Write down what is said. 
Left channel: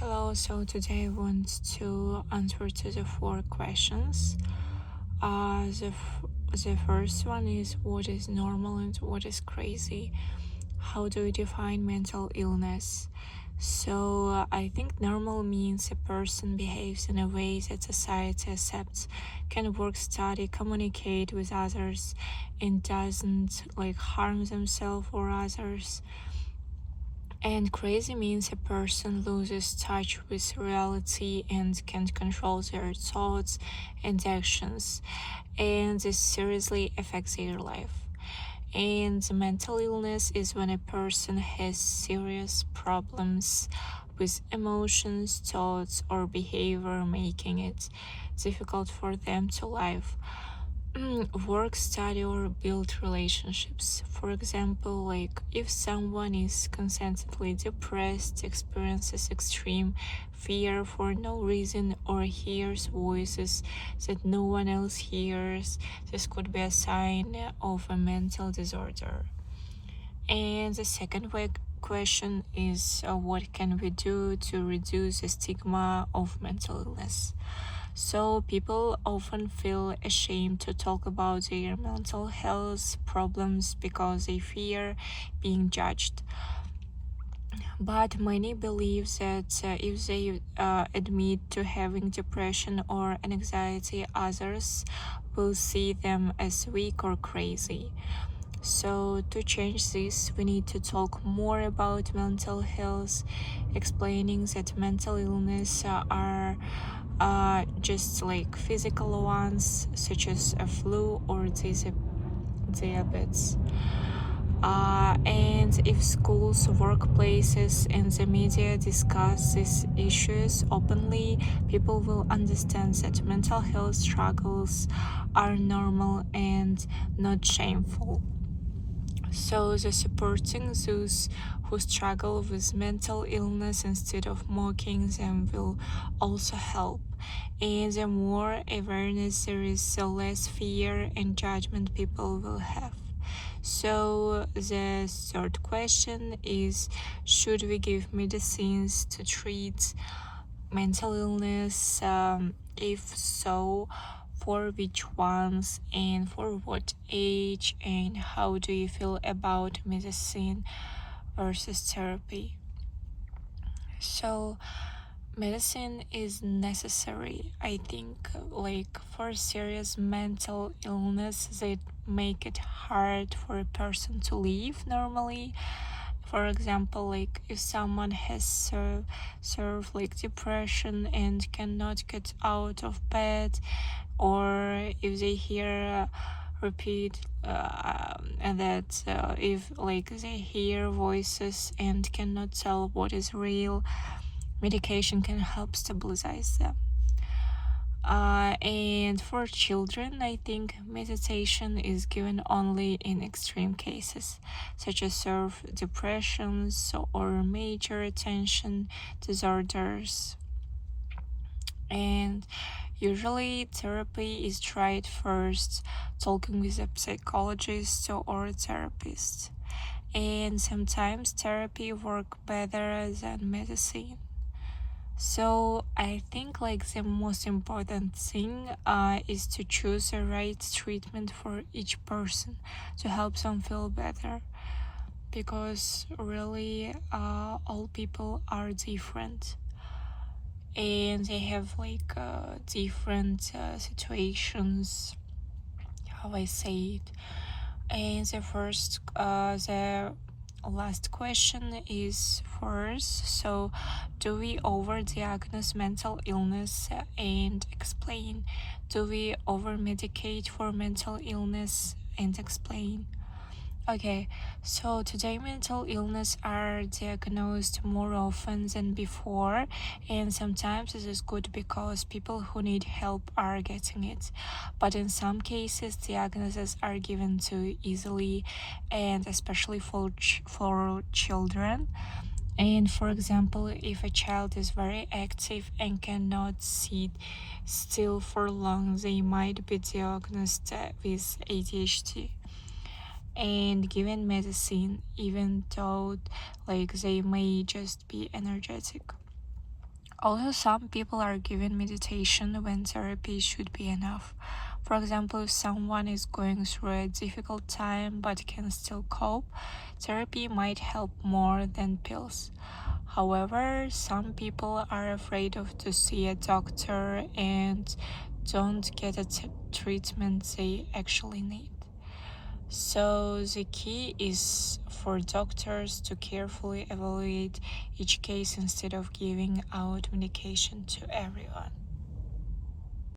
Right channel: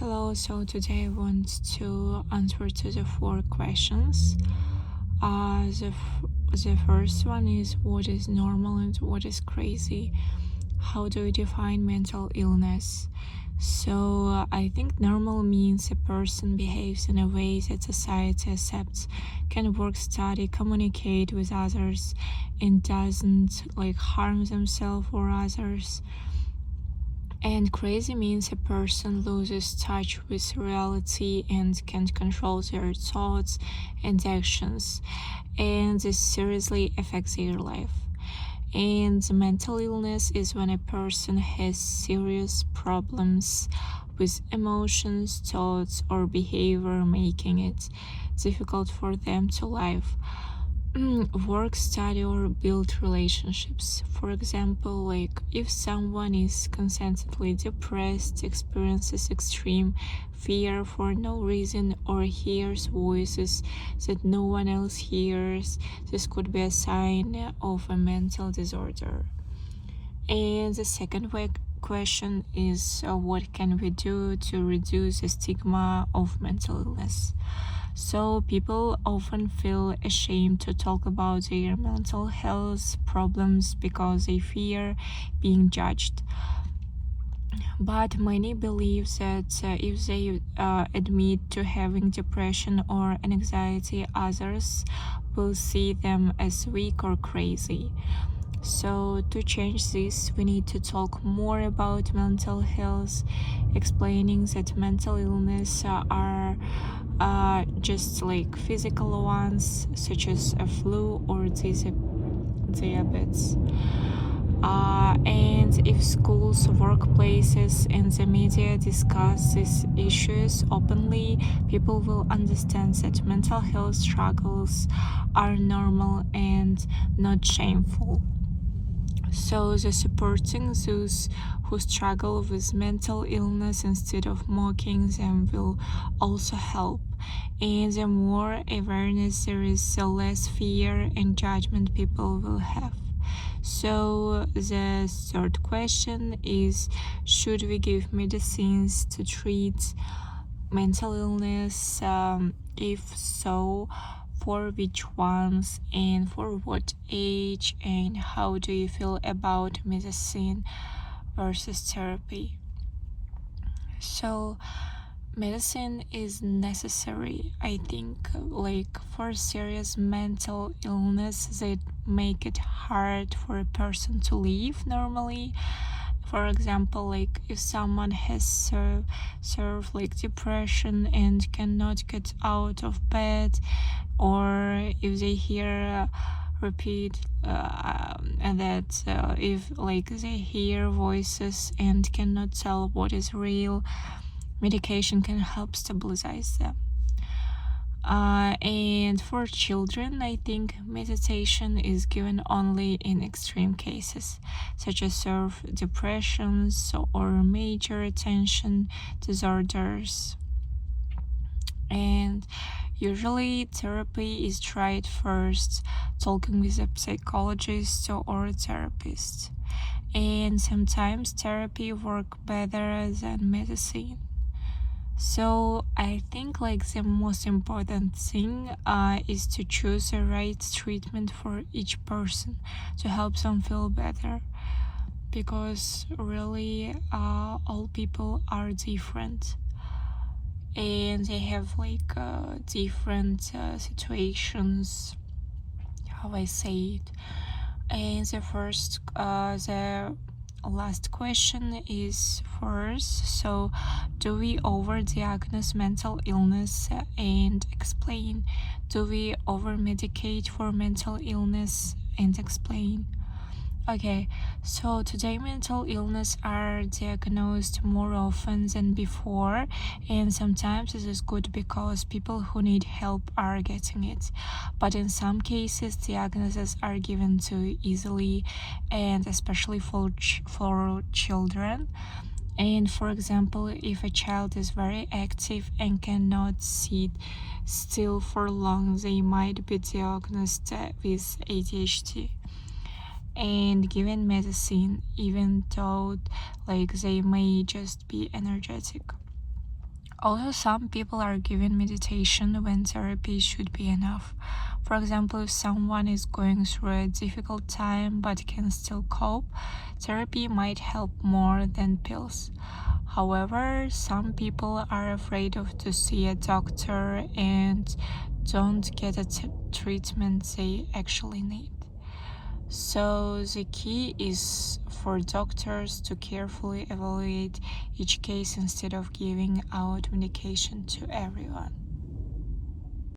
Hello, so today I want to answer to the four questions. The first one is what is normal and what is crazy? How do we define mental illness? So, I think normal means a person behaves in a way that society accepts, can work, study, communicate with others, and doesn't harm themselves or others. And crazy means a person loses touch with reality and can't control their thoughts and actions, and this seriously affects their life. And mental illness is when a person has serious problems with emotions, thoughts, or behavior, making it difficult for them to live. Work, study, or build relationships. For example, if someone is constantly depressed, experiences extreme fear for no reason, or hears voices that no one else hears, this could be a sign of a mental disorder. And the second question is what can we do to reduce the stigma of mental illness? So, people often feel ashamed to talk about their mental health problems because they fear being judged. But many believe that if they admit to having depression or anxiety, others will see them as weak or crazy. So, to change this, we need to talk more about mental health, explaining that mental illness are just like physical ones, such as a flu or diabetes. And if schools, workplaces, and the media discuss these issues openly, people will understand that mental health struggles are normal and not shameful. So, the supporting those who struggle with mental illness instead of mocking them will also help. And the more awareness there is, the less fear and judgment people will have. So, the third question is should we give medicines to treat mental illness? If so, for which ones and for what age, and how do you feel about medicine versus therapy? So, medicine is necessary, I think, for serious mental illness that make it hard for a person to live normally. For example, if someone has served depression and cannot get out of bed, or if they hear repeat and that if they hear voices and cannot tell what is real, medication can help stabilize them. And for children, I think meditation is given only in extreme cases, such as severe depressions or major attention disorders. And usually, therapy is tried first, talking with a psychologist or a therapist. And sometimes therapy works better than medicine. So I think the most important thing is to choose the right treatment for each person to help them feel better, because really all people are different and they have different situations, how I say it. And the last question is first. So, do we overdiagnose mental illness and explain? Do we over-medicate for mental illness and explain? Okay, so today mental illness are diagnosed more often than before, and sometimes this is good because people who need help are getting it. But in some cases, diagnoses are given too easily, and especially for children. And for example, if a child is very active and cannot sit still for long, they might be diagnosed with ADHD and given medicine, even though they may just be energetic. Also, some people are given meditation when therapy should be enough. For example, if someone is going through a difficult time but can still cope, therapy might help more than pills. However, some people are afraid of to see a doctor and don't get a treatment they actually need. So the key is for doctors to carefully evaluate each case instead of giving out medication to everyone.